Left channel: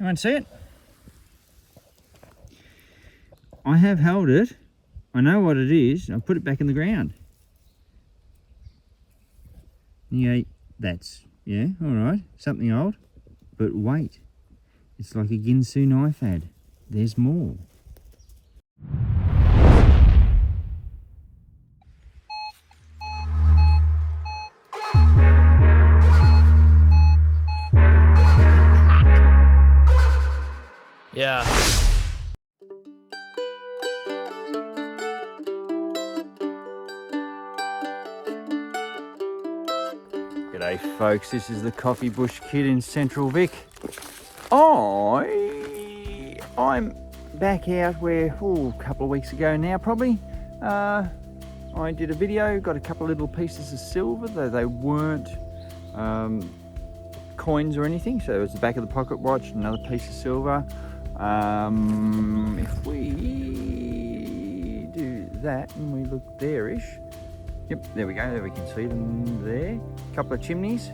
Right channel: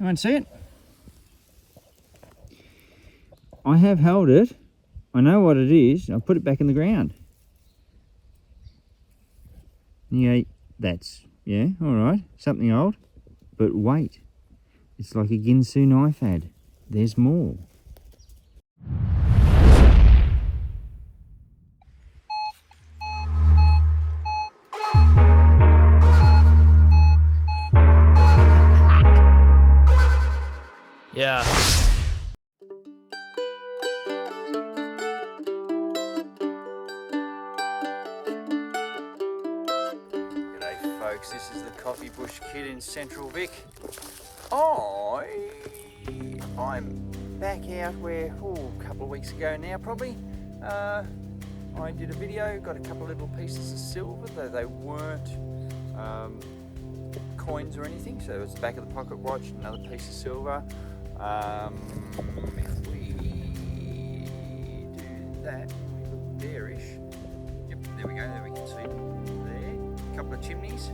Anyone see it? I have held it. I know what it is. I'll put it back in the ground. Yeah, that's, yeah, all right. Something old. But wait, it's like a Ginsu knife ad. There's more. Yeah. G'day folks, this is the Coffee Bush Kid in Central Vic. I'm back out where, a couple of weeks ago now probably. I did a video, got a couple of little pieces of silver, though they weren't coins or anything. So it was the back of the pocket watch, another piece of silver. If we do that and we look there-ish, yep, there we go, there we can see them there. A couple of chimneys.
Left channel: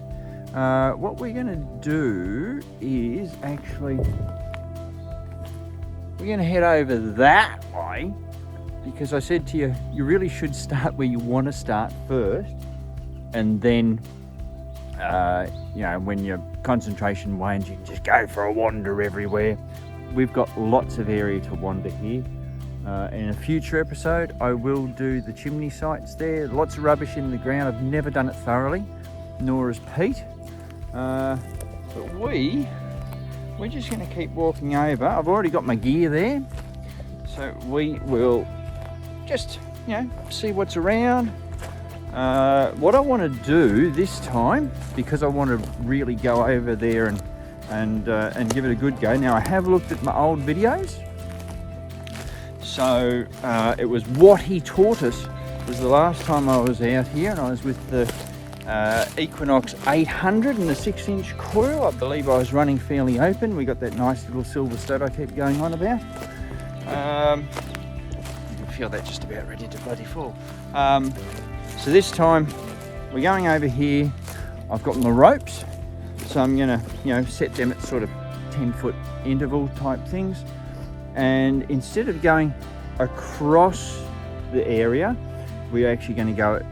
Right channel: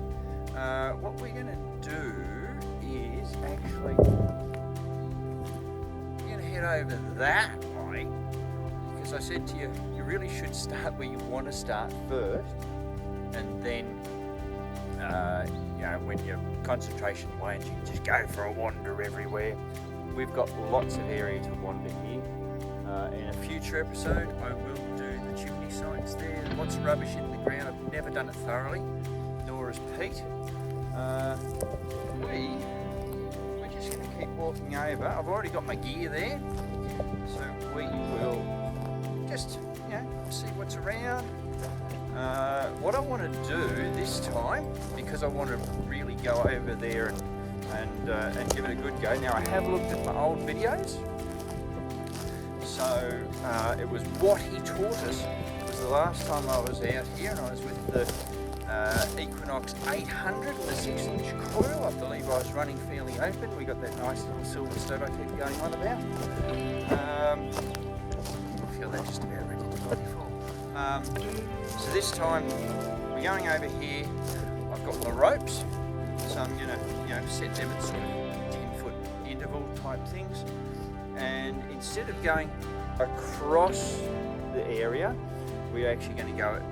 What we're going to do is actually, we're going to head over that way, because I said to you, you really should start where you want to start first, and then you know, when your concentration wanes, you just go for a wander everywhere. We've got lots of area to wander here. In a future episode, I will do the chimney sites there. Lots of rubbish in the ground. I've never done it thoroughly, nor has Pete. But we're just going to keep walking over. I've already got my gear there, so we will just, you know, see what's around. What I want to do this time, because I want to really go over there and give it a good go. Now, I have looked at my old videos, so it was what he taught us. It was the last time I was out here, and I was with the Equinox 800 and the 6-inch coil. I believe I was running fairly open. We got that nice little silver stud I kept going on about. I feel that just about ready to bloody fall. So this time we're going over here. I've got my ropes, so I'm gonna, you know, set them at sort of 10-foot interval type things. And instead of going across the area, we're actually going to go at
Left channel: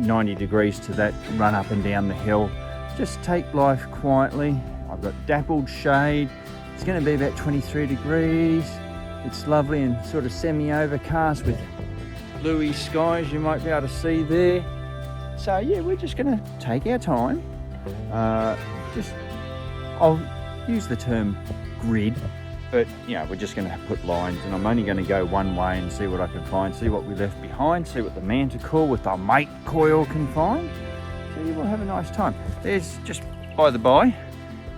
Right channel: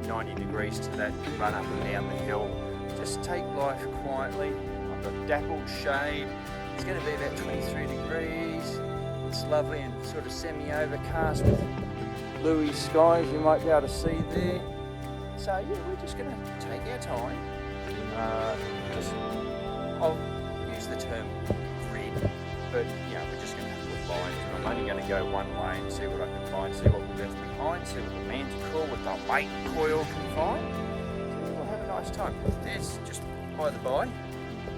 90 degrees to that run up and down the hill. Just take life quietly. I've got dappled shade. It's going to be about 23 degrees. It's lovely and sort of semi-overcast with bluey skies you might be able to see there. So yeah, we're just going to take our time. I'll use the term grid, but yeah, we're just going to put lines, and I'm only going to go one way and see what I can find, see what we left behind, see what the Manticore with the M8 coil can find. So we'll have a nice time. There's, just by the by,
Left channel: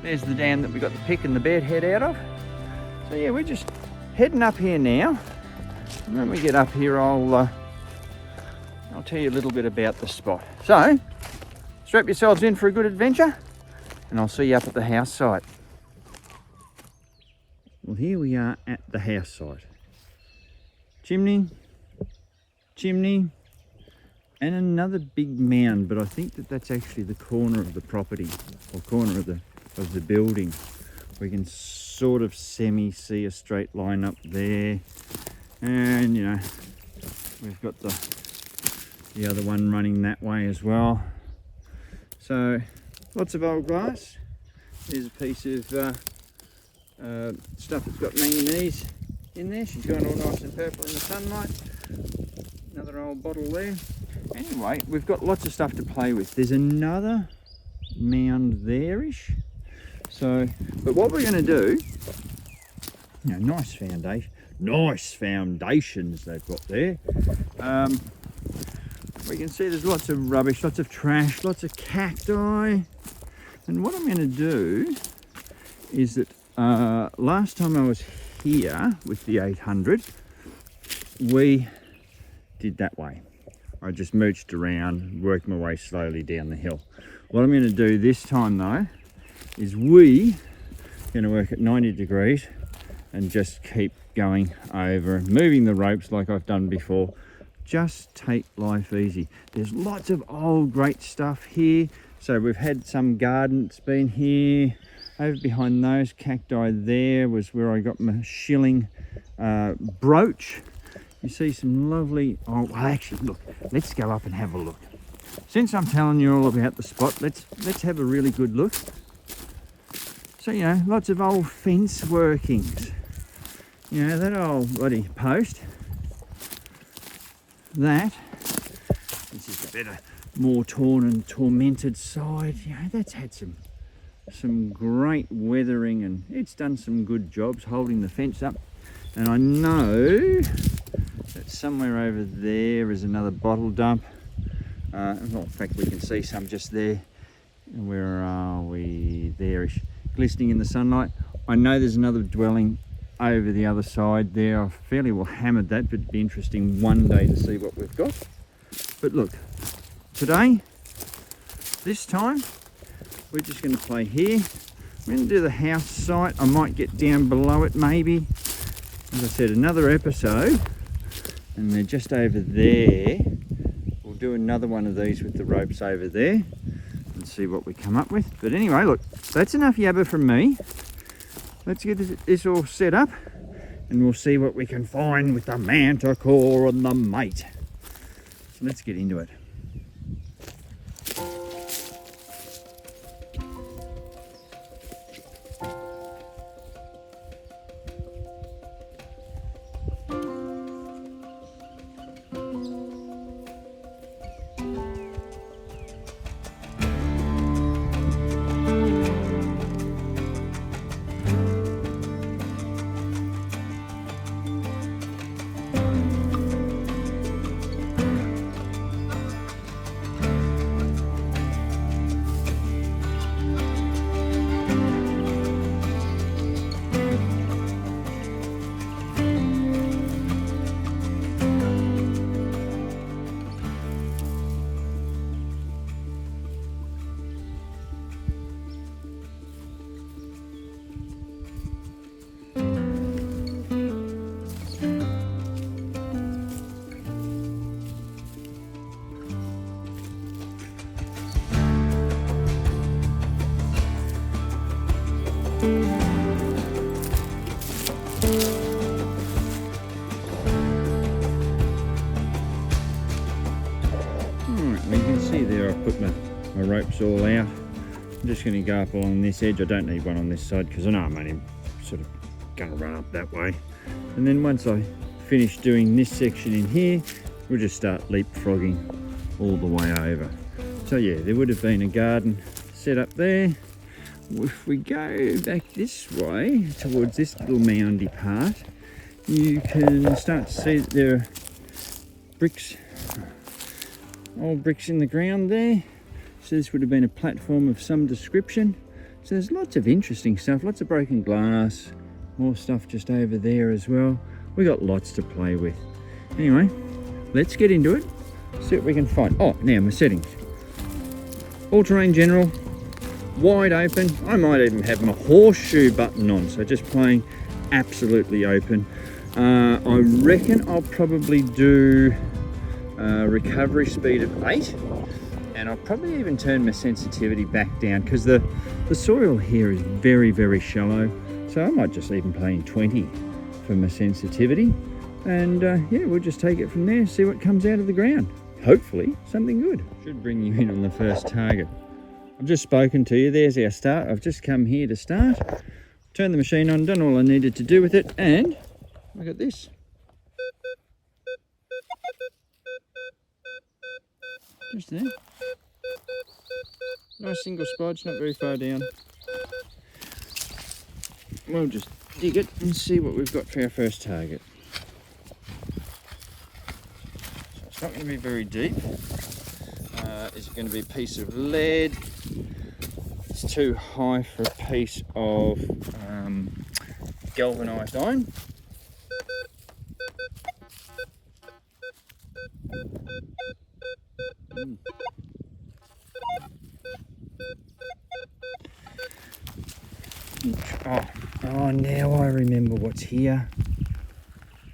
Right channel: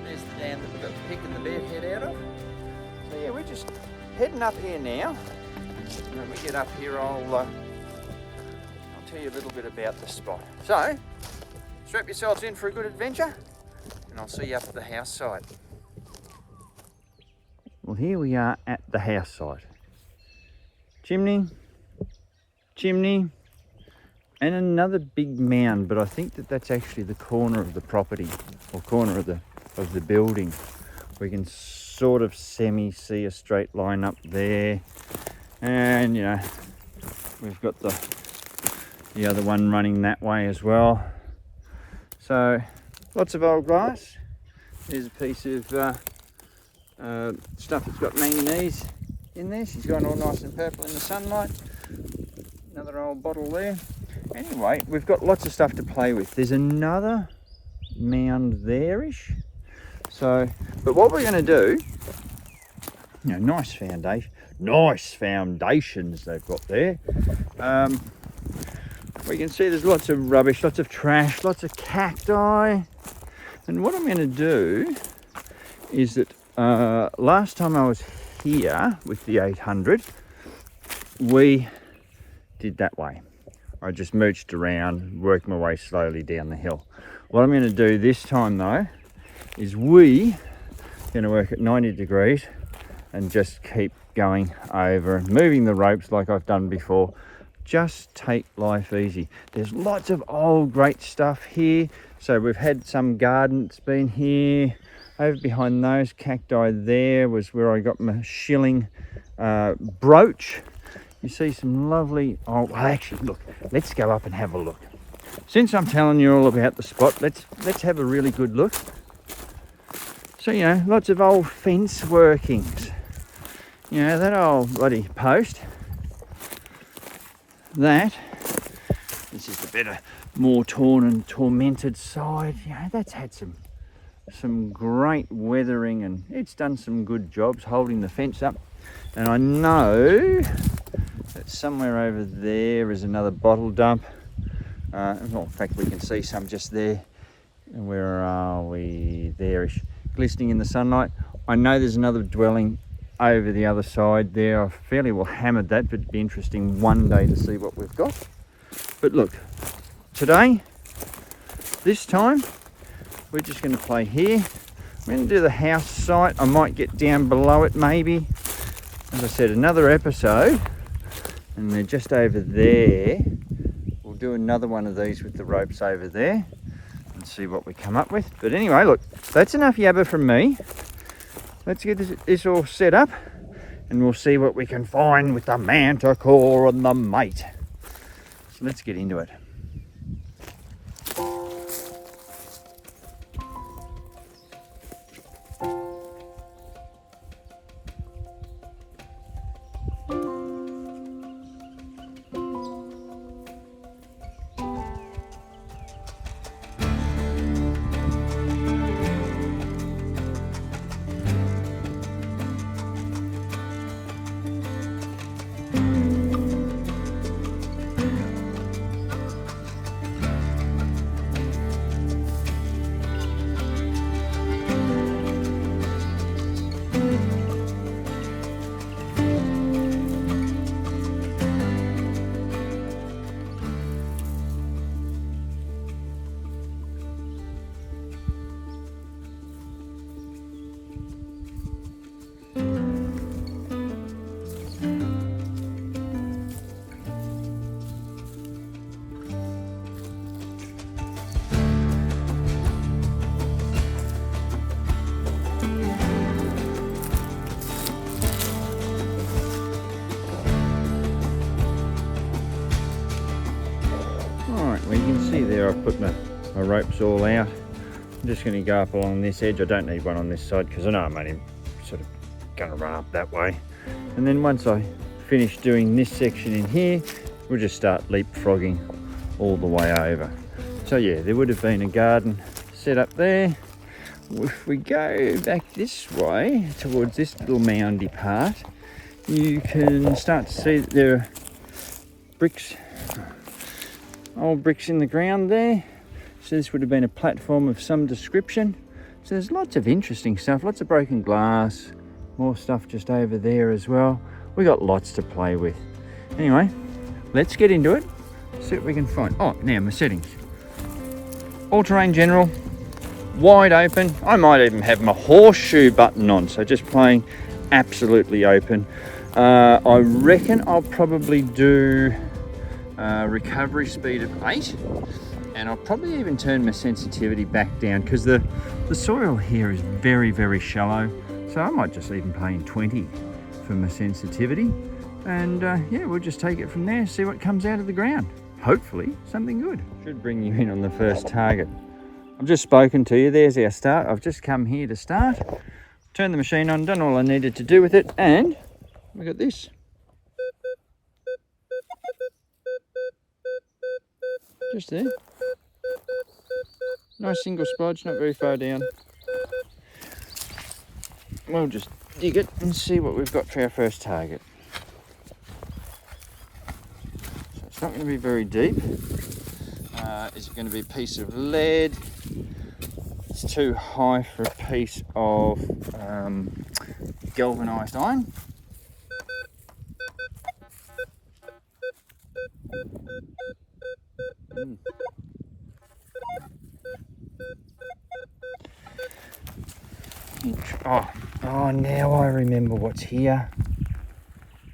there's the dam that we got the pick and the bed head out of. So yeah, we're just heading up here now. And when we get up here, I'll tell you a little bit about the spot. So strap yourselves in for a good adventure, and I'll see you up at the house site. Well, here we are at the house site. Chimney, chimney, and another big mound, but I think that that's actually the corner of the property, or corner of the building. We can sort of see a straight line up there, and you know, we've got the other one running that way as well. So lots of old glass. There's a piece of stuff that's got manganese in there. She's gone all nice and purple in the sunlight. Another old bottle there. Anyway, we've got lots of stuff to play with. There's another mound there-ish. So, but what we're going to do, you know, nice foundations they've got there. We can see there's lots of rubbish, lots of trash, lots of cacti. And what I'm going to do is that last time I was here with the 800, we did that way. I just mooched around, worked my way slowly down the hill. What I'm going to do this time though, is we going to work at 90 degrees and just keep going over and moving the ropes like I've done before. Just take life easy. There's lots of old great stuff here. So we've had some garden that's been here. Over behind those cacti there was where I got my shilling brooch. You see some lovely, oh actually look, let's go up and have a look. Since I'm telling you all about the spot, let's have a really good look. So, you know, lots of old fence workings. You know, that old bloody post. That. This is the better, more torn and tormented side. You know, that's had some great weathering, and it's done some good jobs holding the fence up. And I know that somewhere over there is another bottle dump. Well, in fact, we can see some just there. Where are we? There-ish, glistening in the sunlight. I know there's another dwelling over the other side there. I fairly well hammered that, but it'd be interesting one day to see what we've got. But look, today, this time, we're just going to play here. We're going to do the house site. I might get down below it maybe. As I said, another episode, and they're just over there. We'll do another one of these with the ropes over there and see what we come up with. But anyway, look, that's enough yabba from me. Let's get this all set up, and we'll see what we can find with the Manticore and the M8. So let's get into it. There I've put my ropes all out. I'm just going to go up along this edge. I don't need one on this side because I know I'm only sort of going to run up that way. And then once I finish doing this section in here, we'll just start leapfrogging all the way over. So yeah, there would have been a garden set up there. If we go back this way towards this little moundy part, you can start to see that there are bricks, old bricks in the ground there. So this would have been a platform of some description. So there's lots of interesting stuff, lots of broken glass, more stuff just over there as well. We got lots to play with. Anyway, let's get into it, see what we can find. Oh, now my settings. All-terrain general, wide open. I might even have my horseshoe button on, so just playing absolutely open. I reckon I'll probably do recovery speed of 8, and I'll probably even turn my sensitivity back down because the soil here is very, very shallow, so I might just even play in 20 for my sensitivity, and yeah, we'll just take it from there, see what comes out of the ground. Hopefully something good. Should bring you in on the first target. I've just spoken to you. There's our start. I've just come here to start, turned the machine on, done all I needed to do with it, and look at this. Just there. Nice single splodge, not very far down. We'll just dig it and see what we've got for our first target. So it's not going to be very deep. Is it going to be a piece of lead? It's too high for a piece of galvanised iron. Oh, now I remember what's here.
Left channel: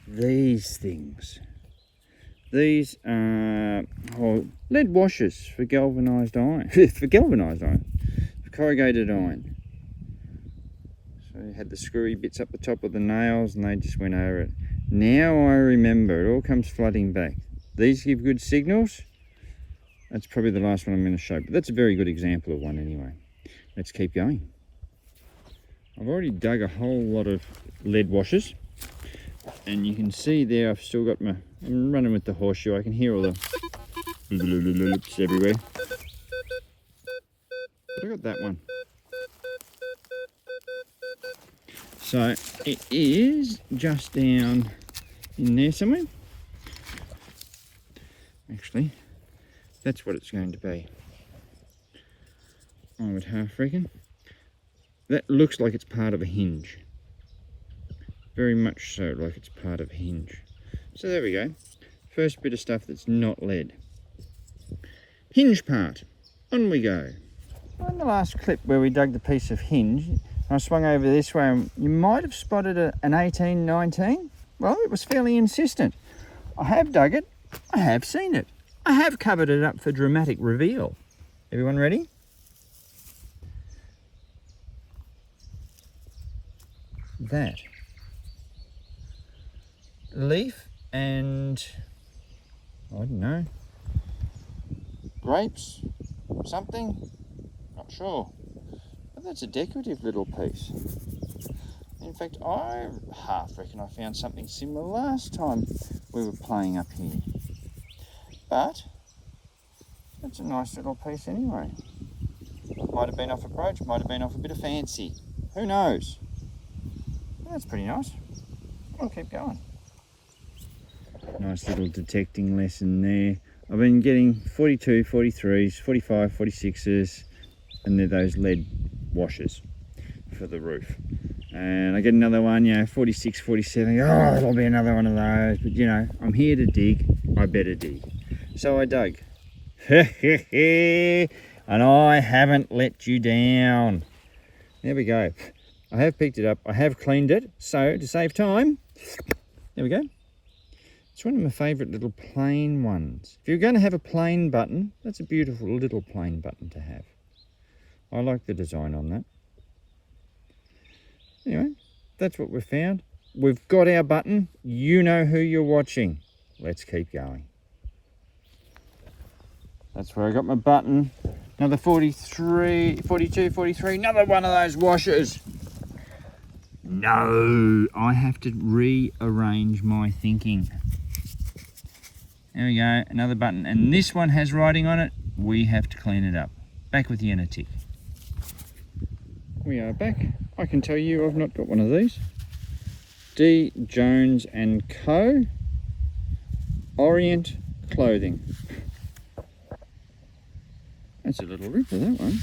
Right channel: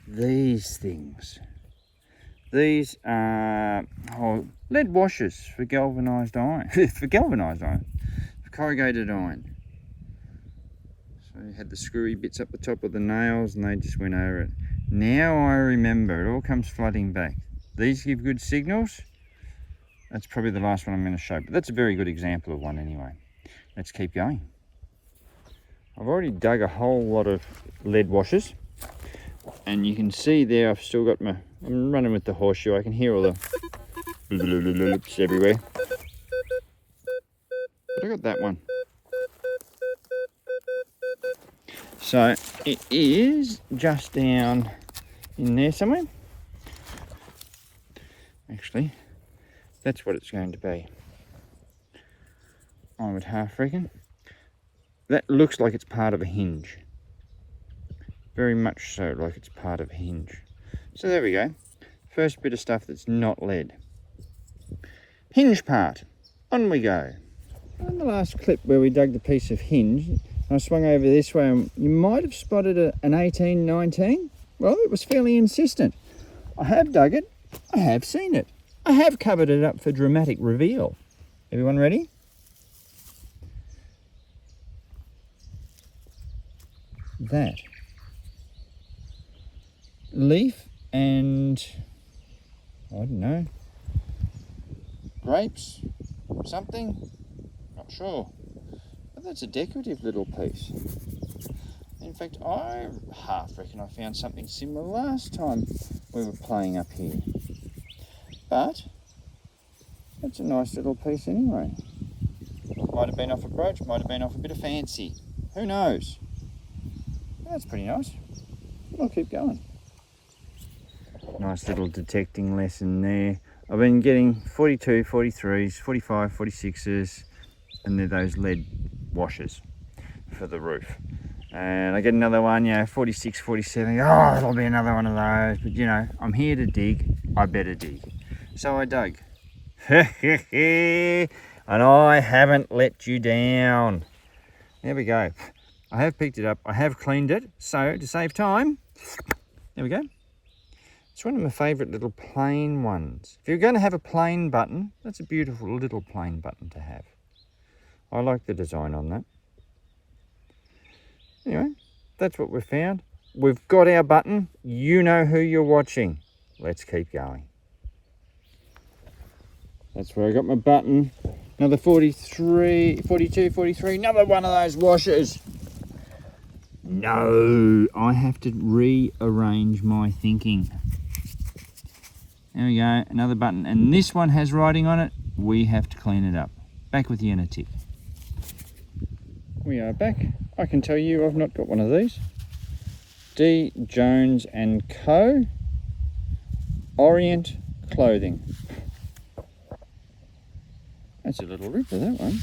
These things. These are lead washers for galvanised iron. For galvanised iron. For corrugated iron. So you had the screwy bits up the top of the nails and they just went over it. Now I remember, it all comes flooding back. These give good signals. That's probably the last one I'm going to show, but that's a very good example of one anyway. Let's keep going. I've already dug a whole lot of lead washers, and you can see there I've still got my, I'm running with the horseshoe, I can hear all the loops everywhere. But I got that one. So it is just down in there somewhere. Actually, that's what it's going to be. I would half reckon. That looks like it's part of a hinge. Very much so, like it's part of a hinge. So there we go. First bit of stuff that's not lead. Hinge part. On we go. On the last clip where we dug the piece of hinge, I swung over this way and you might have spotted an 1819. Well, it was fairly insistent. I have dug it. I have seen it. I have covered it up for dramatic reveal. Everyone ready? That leaf and I don't know, grapes, something, not sure, but that's a decorative little piece. In fact, I half reckon I found something similar last time we were playing up here, but that's a nice little piece anyway. Might have been off a brooch, might have been off a bit of fancy, who knows. That's pretty nice. I'll keep going. Nice little detecting lesson there. I've been getting 42, 43s, 45, 46s, and they're those lead washers for the roof. And I get another one, you know, 46, 47. Oh, there'll be another one of those. But you know, I'm here to dig. I better dig. So I dug. And I haven't let you down. There we go. I have picked it up, I have cleaned it, so to save time, there we go. It's one of my favourite little plain ones. If you're going to have a plain button, that's a beautiful little plain button to have. I like the design on that. Anyway, that's what we've found. We've got our button, you know who you're watching. Let's keep going. That's where I got my button. Another 43, 42, 43, another one of those washers. No, I have to rearrange my thinking. There we go, another button. And this one has writing on it. We have to clean it up. Back with the inner tick. We are back. I can tell you I've not got one of these. D. Jones and Co. Orient Clothing. That's a little ripper, that one.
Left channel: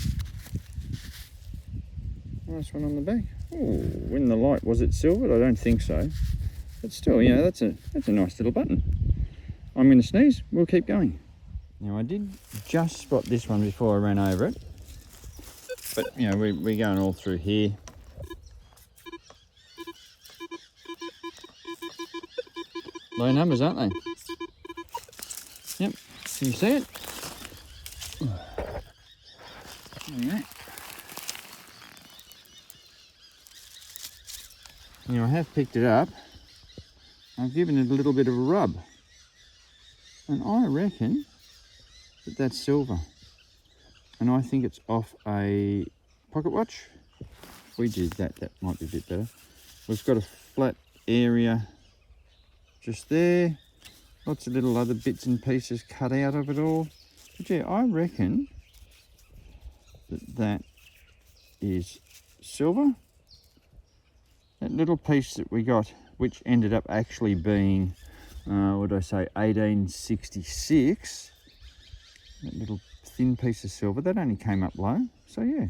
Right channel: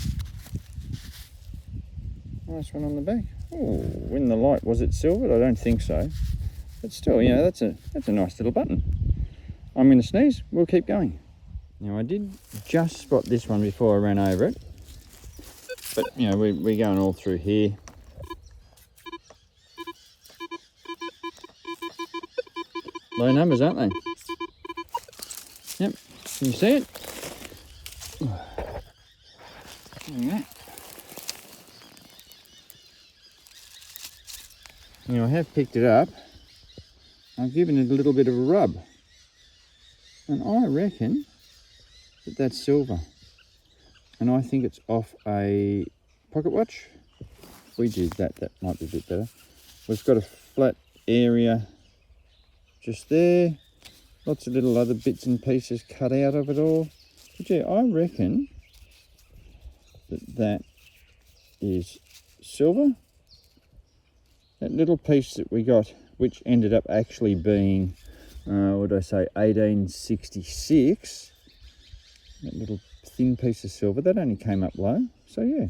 Nice one on the back. Oh, in the light, was it silvered? I don't think so. But still, you know, that's a nice little button. I'm going to sneeze. We'll keep going. Now, I did just spot this one before I ran over it. But, you know, we're going all through here. Low numbers, aren't they? Yep. Can you see it? There you go. Now I have picked it up, I've given it a little bit of a rub, and I reckon that that's silver, and I think it's off a pocket watch. If we did that, that might be a bit better. We've got a flat area just there, lots of little other bits and pieces cut out of it all, but yeah, I reckon that that is silver. That little piece that we got, which ended up actually being, what did I say, 1866. That little thin piece of silver, that only came up low. So yeah,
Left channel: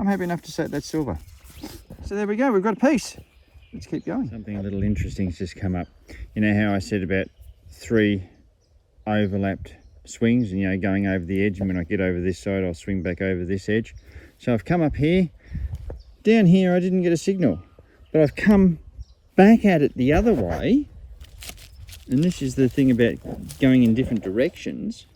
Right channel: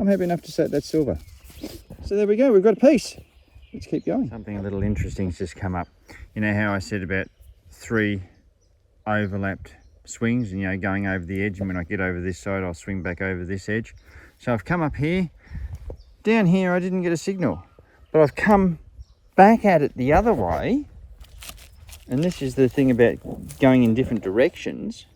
I'm happy enough to say that's silver. So there we go, we've got a piece. Let's keep going. Something a little interesting's just come up. You know how I said about 3 overlapped swings, and you know, going over the edge, and when I get over this side, I'll swing back over this edge. So I've come up here. Down here, I didn't get a signal. But I've come back at it the other way, and this is the thing about going in different directions.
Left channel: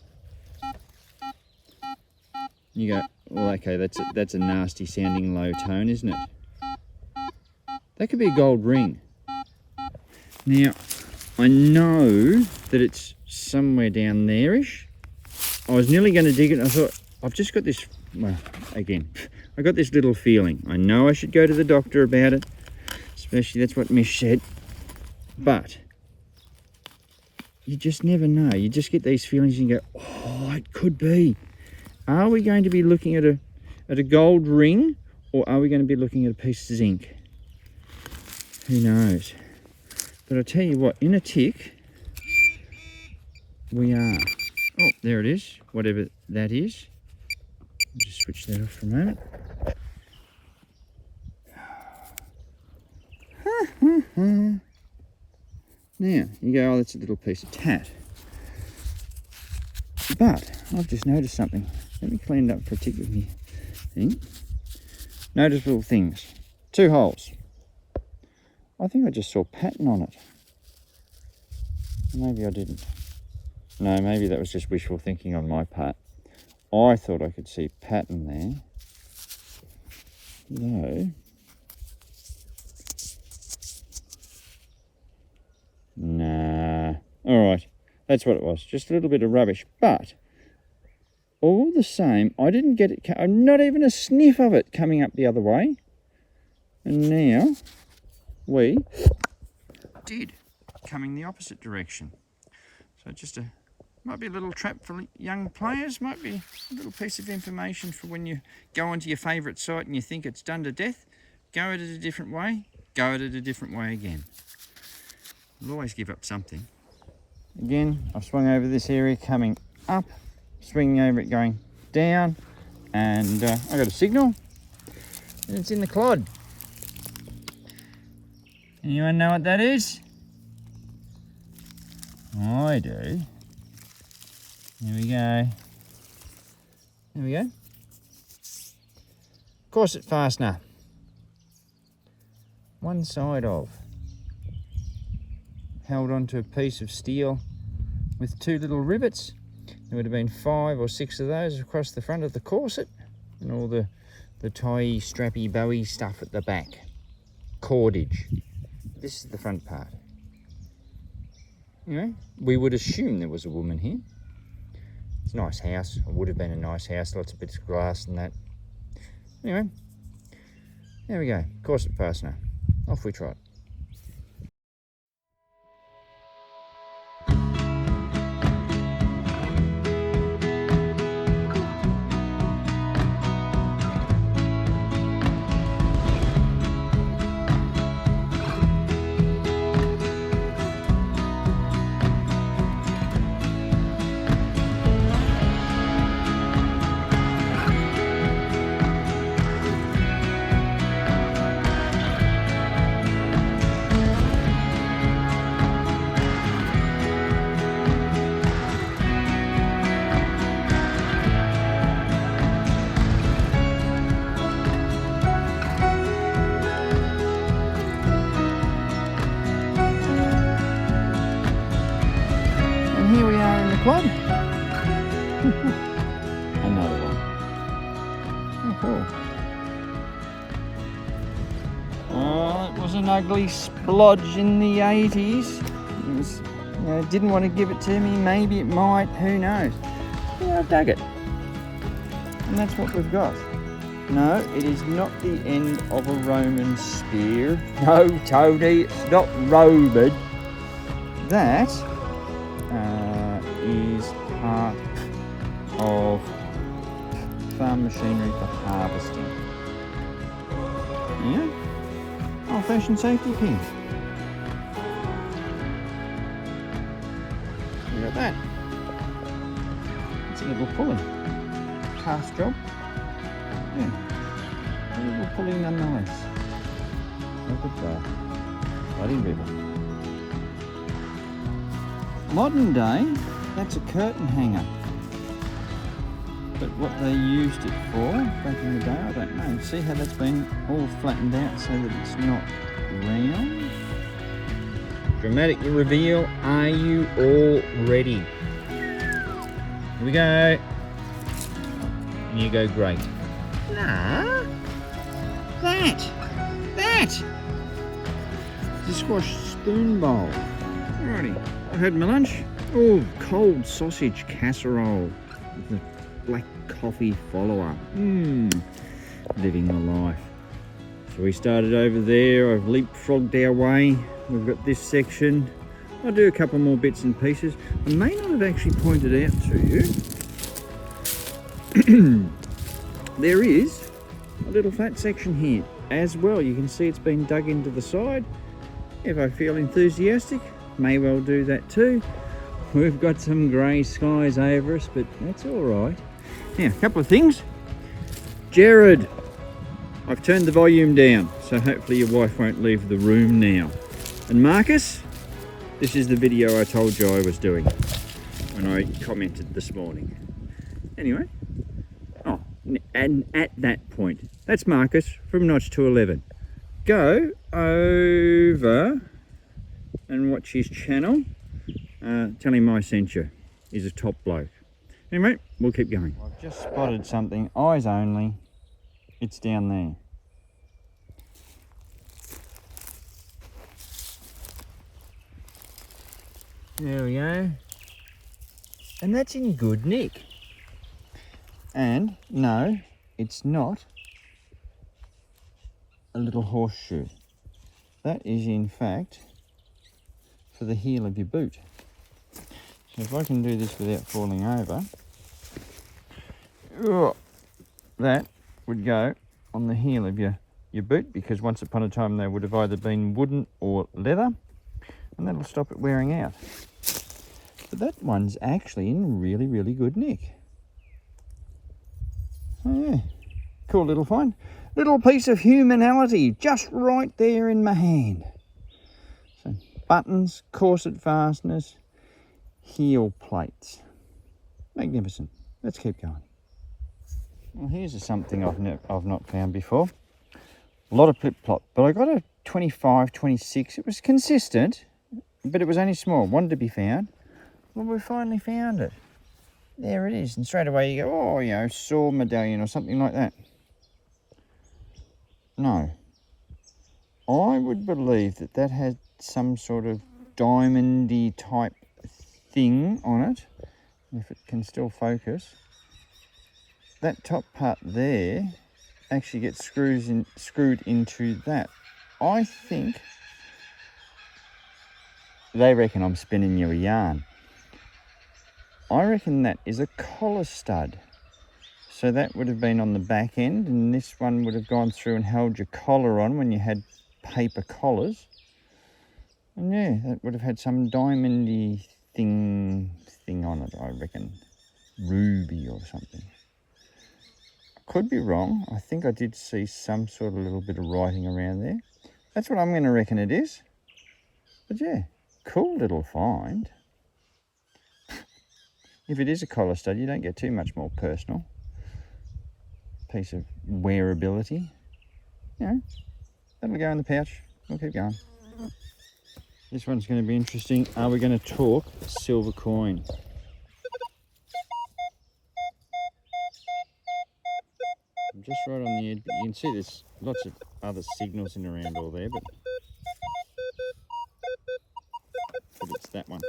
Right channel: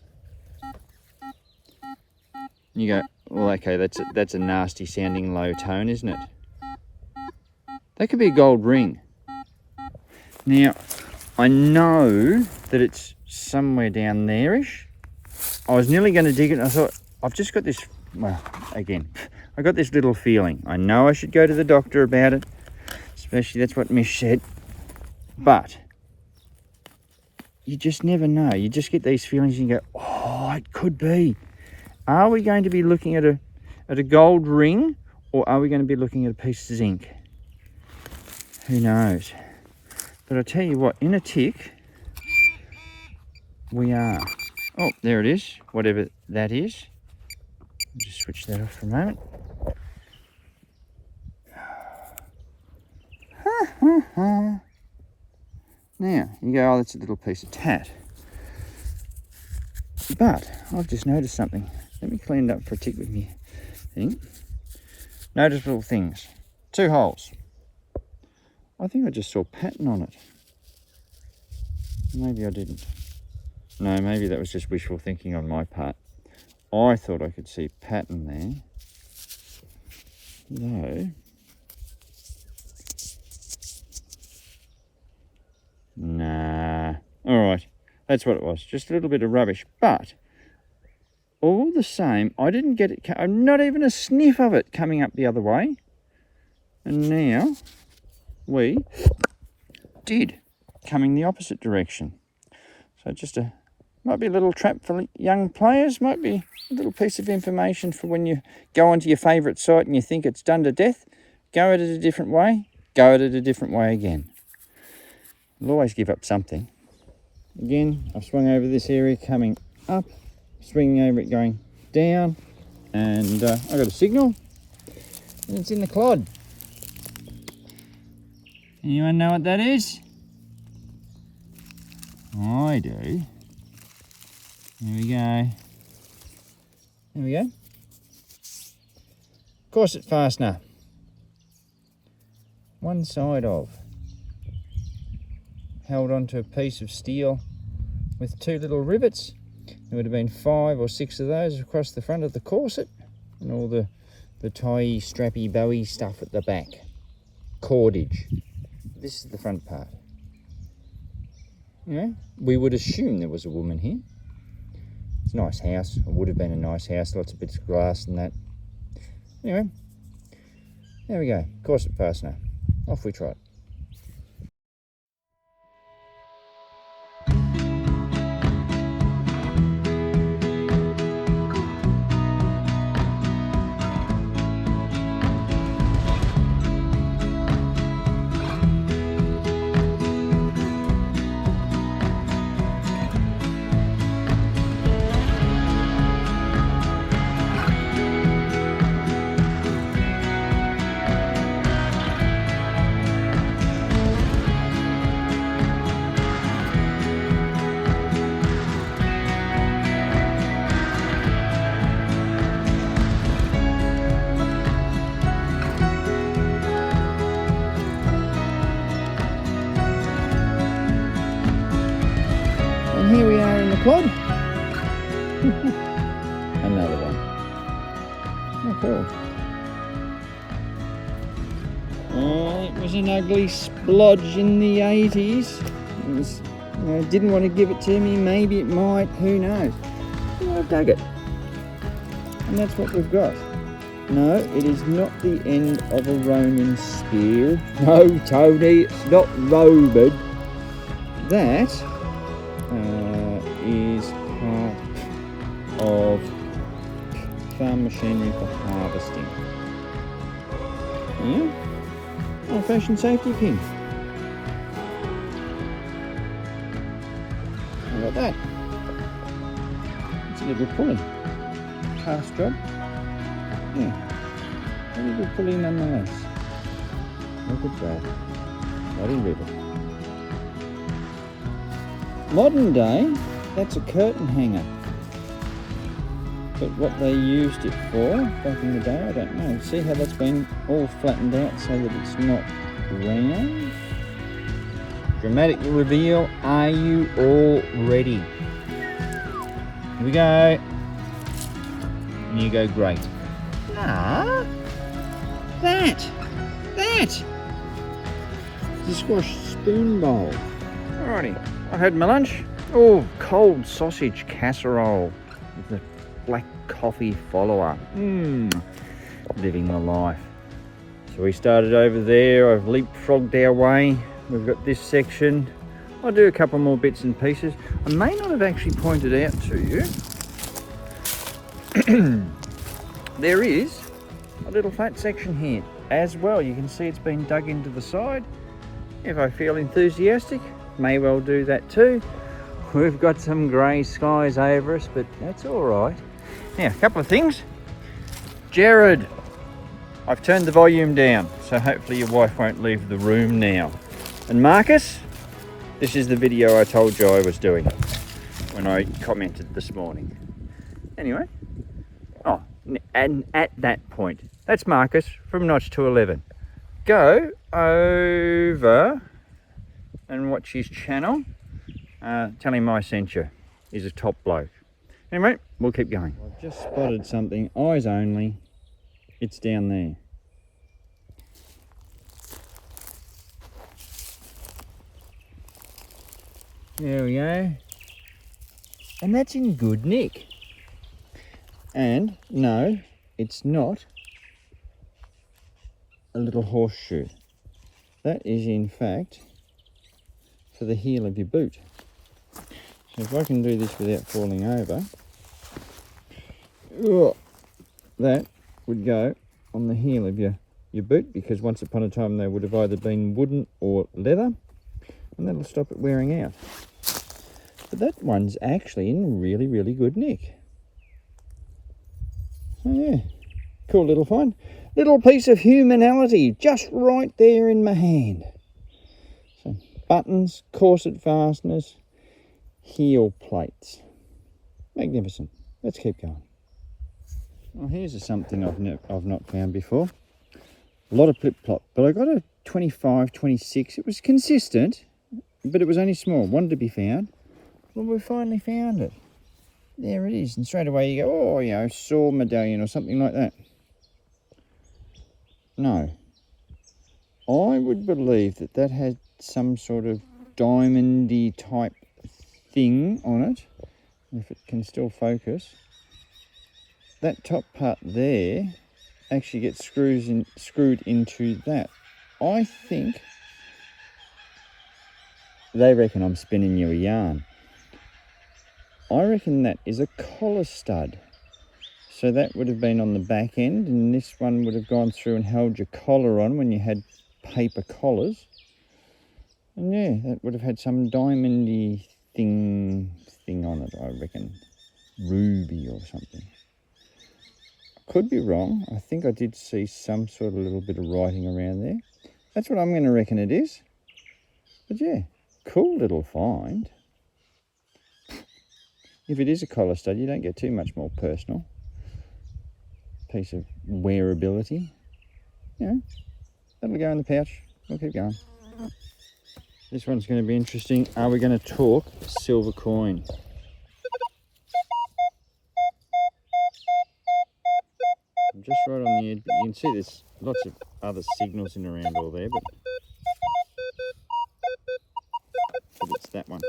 You go, well, okay, that's a nasty sounding low tone, isn't it? That could be a gold ring. Now, I know that it's somewhere down there-ish. I was nearly going to dig it, and I thought, I've just got this, well, again, I got this little feeling. I know I should go to the doctor about it, especially that's what Mish said, but you just never know. You just get these feelings and you go, oh, it could be. Are we going to be looking at a gold ring, or are we going to be looking at a piece of zinc? Who knows? But I tell you what, in a tick, we are. Oh, there it is, whatever that is. Just switch that off for a moment. Now, you go, oh, that's a little piece of tat. But I've just noticed something. Let me clean it up for a tick with me thing. Noticeable things. 2 holes. I think I just saw pattern on it. Maybe I didn't. No, maybe that was just wishful thinking on my part. I thought I could see pattern there. No. Nah. Alright. That's what it was. Just a little bit of rubbish. But, all the same, I didn't get it, not even a sniff of it coming up the other way. And now, we did, coming the opposite direction. So just might be a little trap for young players, might be a little piece of information for when you go onto your favourite site and you think it's done to death. Go at it a different way, go at it a different way again. You'll always give up something. Again, I've swung over this area coming up, swinging over it going down, and I got a signal, and it's in the clod. Anyone know what that is? I do. There we go. There we go. Corset fastener. One side of. Held onto a piece of steel with 2 little rivets. There would have been 5 or 6 of those across the front of the corset, and all the tie strappy bowie stuff at the back. Cordage. This is the front part. You know, we would assume there was a woman here. It's a nice house. It would have been a nice house. Lots of bits of glass and that. Anyway, there we go. Corset fastener. Off we trot. And here we are in the clod. Another one. Oh, cool. Oh, it was an ugly splodge in the 80s. It was, you know, didn't want to give it to me. Maybe it might. Who knows? But I dug it. And that's what we've got. No, it is not the end of a Roman spear. No, Tony, it's not Roman. That is part of farm machinery for harvesting. Yeah, old-fashioned safety pin. How about that? It's a little pulley. Cast job. Yeah, a little pulley nonetheless. Look at that. Bloody river. Modern day, that's a curtain hanger. But what they used it for back in the day, I don't know. See how that's been all flattened out so that it's not round? Dramatic reveal. Are you all ready? Here we go. And you go, great. Nah. That. the squash spoon bowl. Alrighty, I had my lunch. Oh, cold sausage casserole with the black coffee follower. Living the life. So we started over there. I've leapfrogged our way. We've got this section. I'll do a couple more bits and pieces. I may not have actually pointed out to you. There is a little flat section here as well. You can see it's been dug into the side. If I feel enthusiastic, may well do that too. We've got some grey skies over us, but that's all right. Now, a couple of things. Jared, I've turned the volume down, so hopefully your wife won't leave the room now. And Marcus, this is the video I told you I was doing when I commented this morning. Anyway, oh, and at that point, that's Marcus from Notch to 11. Go over and watch his channel. Tell him I sent you. He's a top bloke. Anyway, we'll keep going. I've just spotted something, eyes only. It's down there. There we go. And that's in good nick. And no, it's not a little horseshoe. That is in fact for the heel of your boot. So if I can do this without falling over, that would go on the heel of your boot, because once upon a time they would have either been wooden or leather, and that'll stop it wearing out. But that one's actually in really, really good nick. Oh yeah, cool little find. Little piece of humanity just right there in my hand. So buttons, corset fasteners, heel plates. Magnificent. Let's keep going. Well, here's something I've not found before. A lot of flip-flop, but I got a 25, 26. It was consistent, but it was only small. Wanted to be found. Well, we finally found it. There it is. And straight away you go, oh, you know, saw medallion or something like that. No. I would believe that had some sort of diamondy type thing on it. If it can still focus. That top part there actually gets screwed into that. I think they reckon I'm spinning you a yarn. I reckon that is a collar stud. So that would have been on the back end, and this one would have gone through and held your collar on when you had paper collars. And yeah, that would have had some diamondy thing on it, I reckon. Ruby or something. Could be wrong. I think I did see some sort of little bit of writing around there. That's what I'm going to reckon it is. But yeah, cool little find. If it is a collar stud, you don't get too much more personal. Piece of wearability. You know, that'll go in the pouch. We'll keep going. This one's going to be interesting. Are we going to talk silver coin? I'm just right on the edge, but you can see there's lots of other signals in around all there, but it's that one.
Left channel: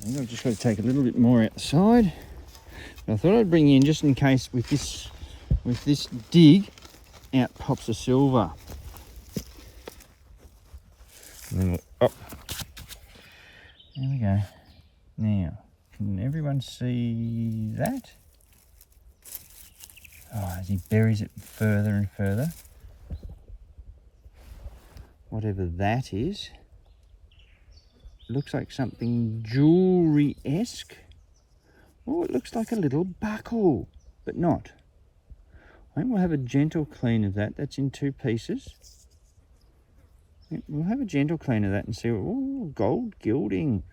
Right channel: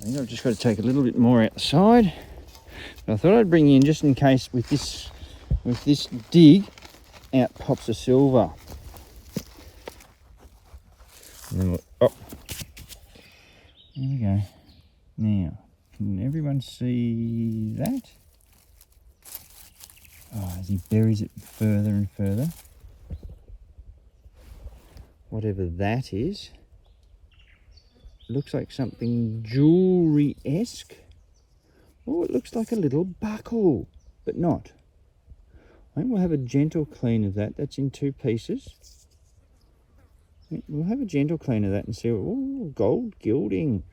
I think I've just got to take a little bit more out the side. But I thought I'd bring you in just in case with this dig out pops a silver. And then there we go. Now, can everyone see that? Oh, as he buries it further and further. Whatever that is. Looks like something jewellery-esque. Oh, it looks like a little buckle, but not. I think we'll have a gentle clean of that. That's in 2 pieces. We'll have a gentle clean of that and see. Oh, gold gilding.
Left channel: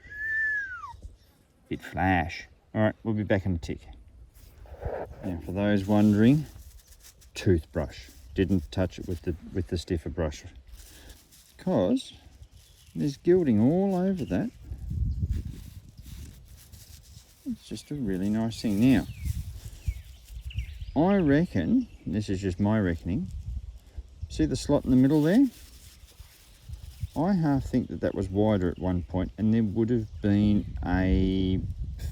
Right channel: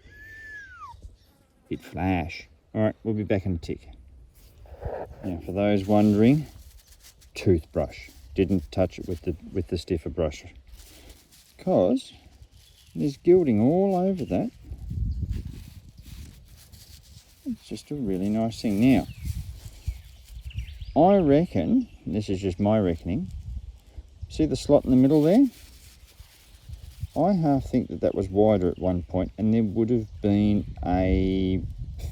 Bit flash. All right, we'll be back in a tick. Now, for those wondering, toothbrush. Didn't touch it with the stiffer brush, because there's gilding all over that. It's just a really nice thing. Now, I reckon, this is just my reckoning, See the slot in the middle there? I half think that that was wider at one point, and there would have been a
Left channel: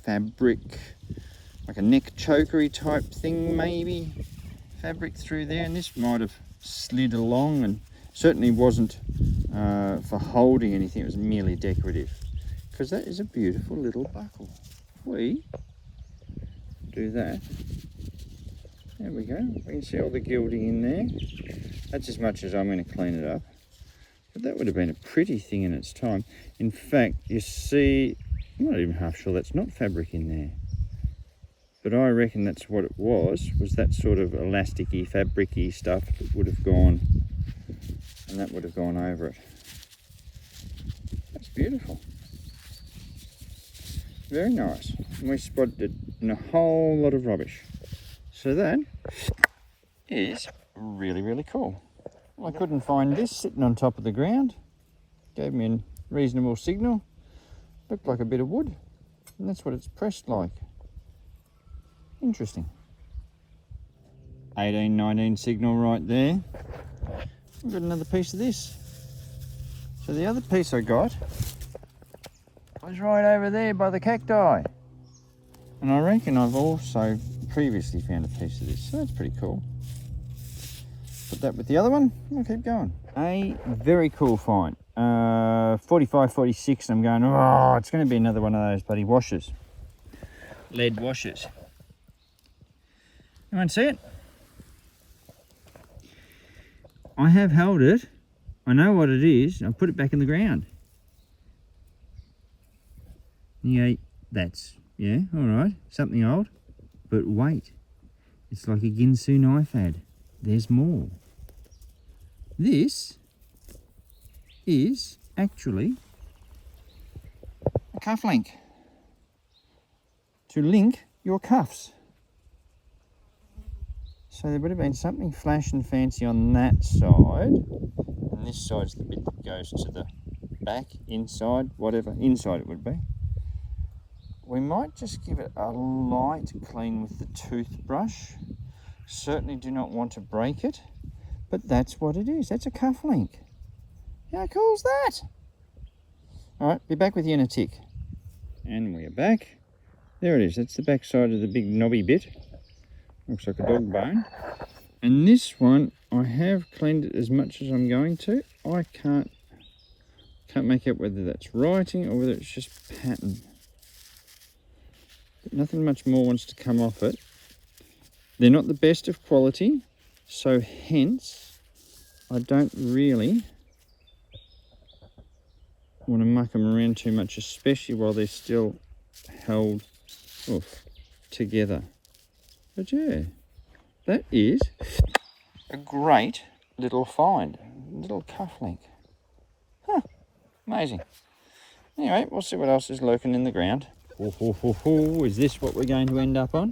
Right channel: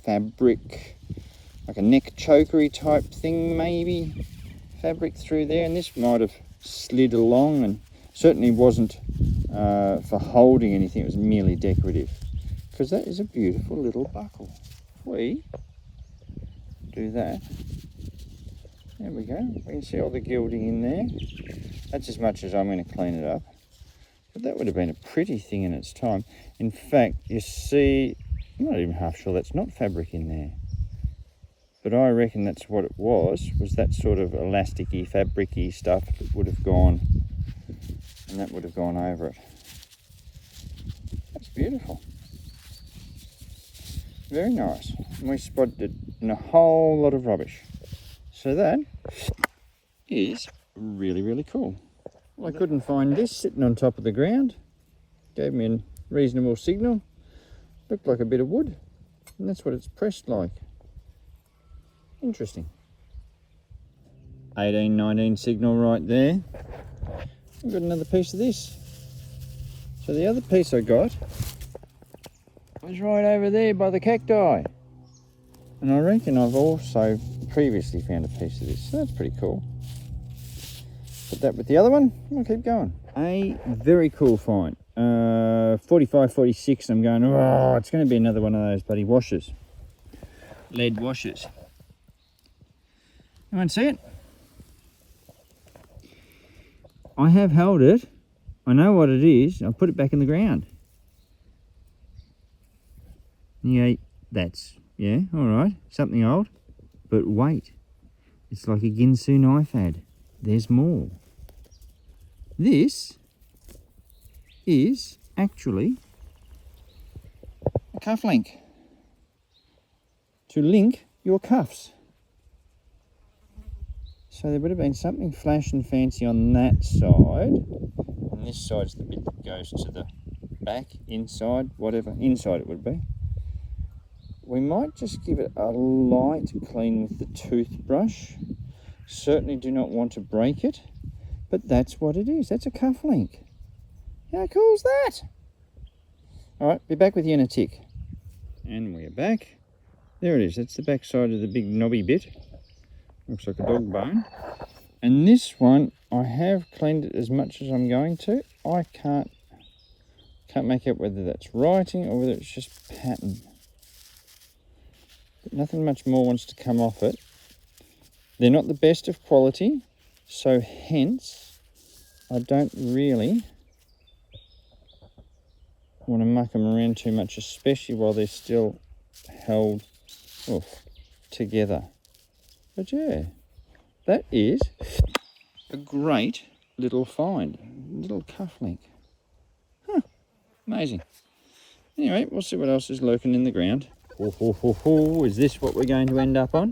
fabric, like a neck chokery type thing maybe, fabric through there, and this might have slid along, and certainly wasn't for holding anything. It was merely decorative, because that is a beautiful little buckle. We do that. There we go. We can see all the gilding in there. That's as much as I'm going to clean it up. But that would have been a pretty thing in its time. In fact, you see, I'm not even half sure that's not fabric in there. But I reckon that's what it was that sort of elasticy, fabricy stuff that would have gone, and that would have gone over it. That's beautiful. Very nice. And we spotted it in a whole lot of rubbish. So that is really, really cool. Well, I couldn't find this sitting on top of the ground. Gave me a reasonable signal. Looked like a bit of wood. And that's what it's pressed like. Interesting. 18, 19 signal right there. I've got another piece of this. So the other piece I got was right over there by the cacti. And I reckon I've also previously found a piece of this. So that's pretty cool. Put that with the other one, we'll keep going. A very cool find. 45, 46, I'm going, oh, it's going to be another one of those bloody washers. Lead washers. You want to see it? I have held it. I know what it is. I'll put it back in the ground. Yeah, yeah, all right. Something old. But wait. It's like a Ginsu knife ad. There's more. This is actually a cuff link to link your cuffs. So there would have been something flash and fancy on that side, and this side's the bit that goes to the back, inside, whatever, inside it would be. We might just give it a light clean with the toothbrush. Certainly do not want to break it, but that's what it is. That's a cuff link. How cool is that? All right, be back with you in a tick. And we're back. There it is. That's the back side of the big knobby bit. Looks like a dog bone. And this one, I have cleaned it as much as I'm going to. I can't make out whether that's writing or whether it's just pattern. But nothing much more wants to come off it. They're not the best of quality, so hence I don't really want to muck them around too much, especially while they're still held together. But yeah, that is a great little find, little cuff link. Huh, amazing. Anyway, we'll see what else is lurking in the ground. Is this what we're going to end up on?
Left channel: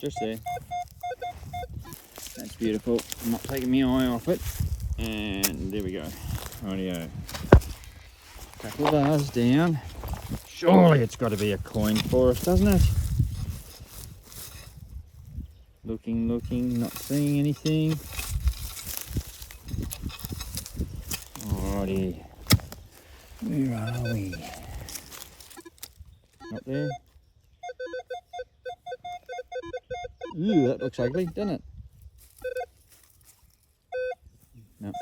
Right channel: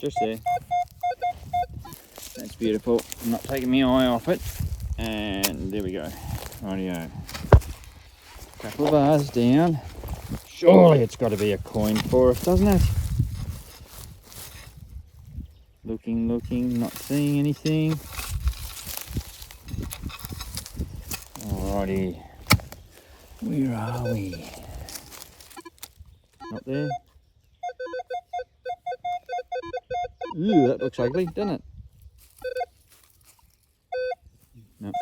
Just there. That's beautiful. I'm not taking my eye off it. And there we go. Rightio. Couple of bars down. Surely it's got to be a coin for us, doesn't it? Looking, not seeing anything. Alrighty. Where are we? Not there. Ooh, that looks ugly, doesn't it? No.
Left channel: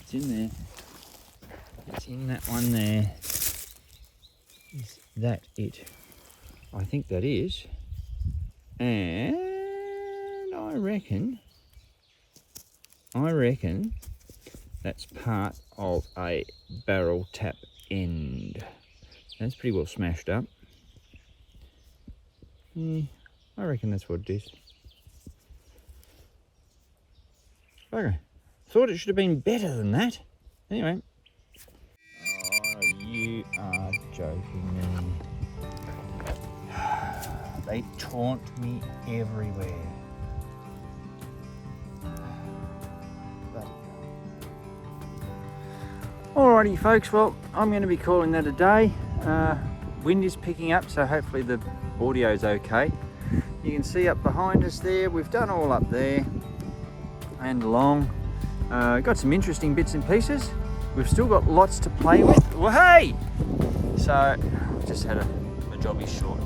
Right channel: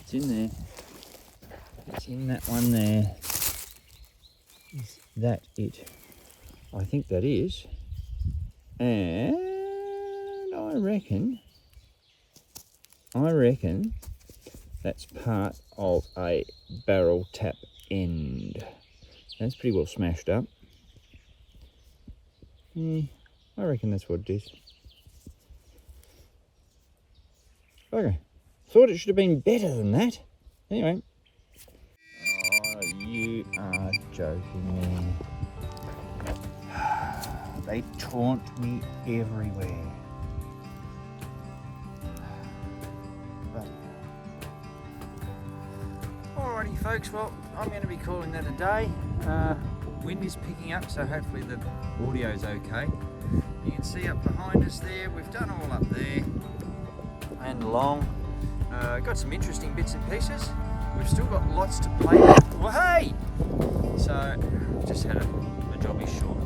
It's in there. It's in that one there. Is that it? I think that is. And I reckon that's part of a barrel tap end. That's pretty well smashed up. Yeah, I reckon that's what it is. Okay. Thought it should have been better than that. Anyway. Oh, you are joking me. They taunt me everywhere. Alrighty folks, well I'm going to be calling that a day. Wind is picking up, so hopefully the audio is okay. You can see up behind us there, we've done all up there and along. Got some interesting bits and pieces. We've still got lots to play with. Well, hey! So, just had a jobby short.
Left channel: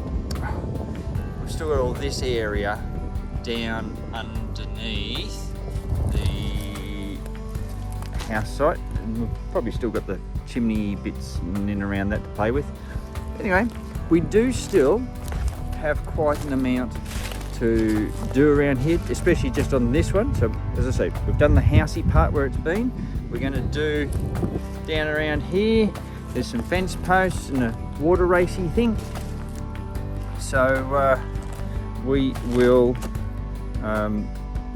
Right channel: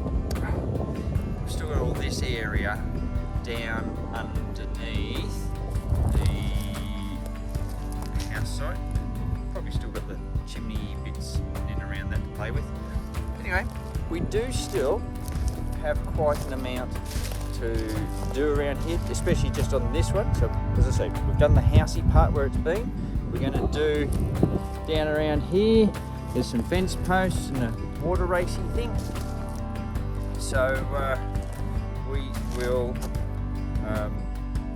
We've still got all this area down underneath the house site. And we've probably still got the chimney bits in and around that to play with. Anyway, we do still have quite an amount to do around here, especially just on this one. So as I say, we've done the housey part where it's been. We're going to do down around here. There's some fence posts and a water racing thing. So we will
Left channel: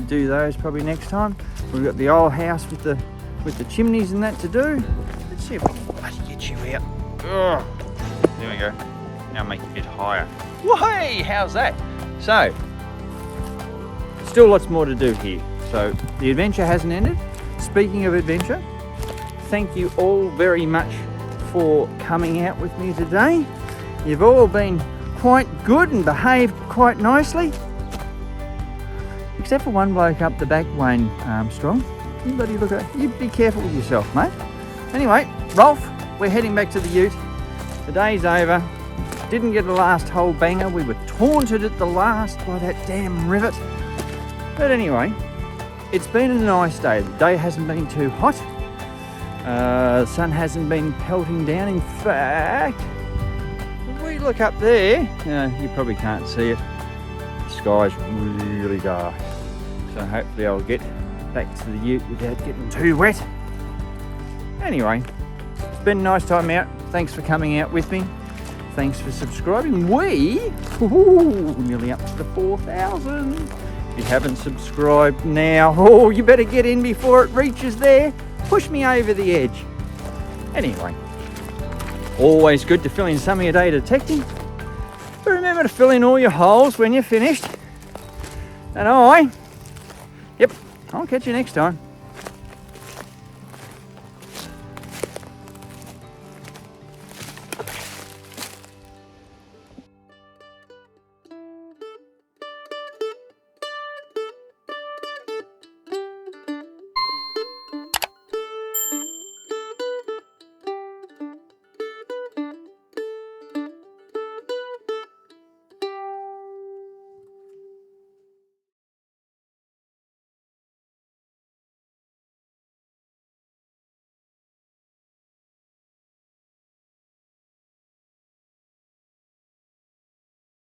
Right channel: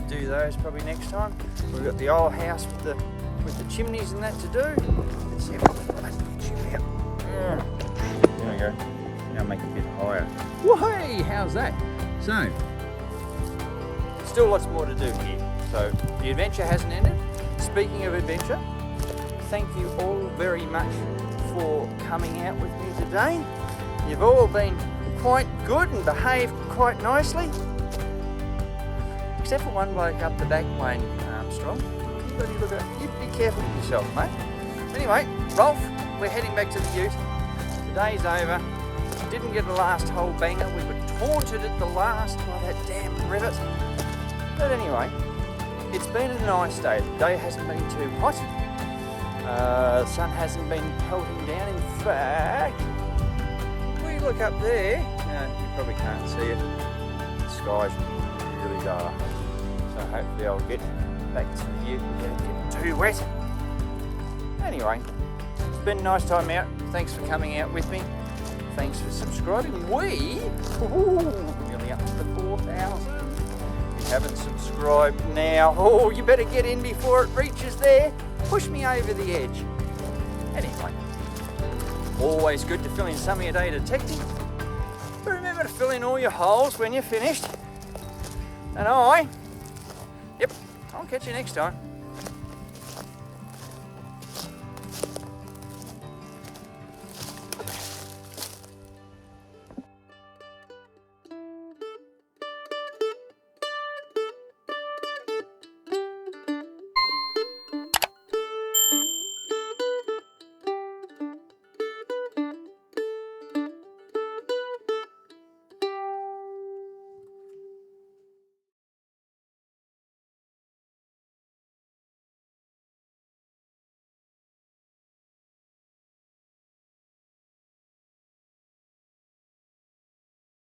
do those probably next time. We've got the old house with the chimneys and that to do. Let's see if we can bloody get you out. Oh, there we go. Now make it a bit higher. Whey! How's that? So, still lots more to do here. So the adventure hasn't ended. Speaking of adventure, thank you all very much for coming out with me today. You've all been quite good and behaved quite nicely. Except for one bloke up the back, Wayne Armstrong. Anybody look at you? Be careful with yourself, mate. Anyway, Rolf, we're heading back to the ute. The day's over. Didn't get the last hole banger. We were taunted at the last by that damn rivet. But anyway, it's been a nice day. The day hasn't been too hot. The sun hasn't been pelting down. In fact, if we look up there, you probably can't see it. The sky's really dark. So hopefully I'll get back to the ute without getting too wet. Anyway, it's been a nice time out. Thanks for coming out with me. Thanks for subscribing. Nearly up to the 4,000. If you haven't subscribed now, you better get in before it reaches there. Push me over the edge. Anyway, always good to fill in some of your day detecting. But remember to fill in all your holes when you're finished. And I'll catch you next time.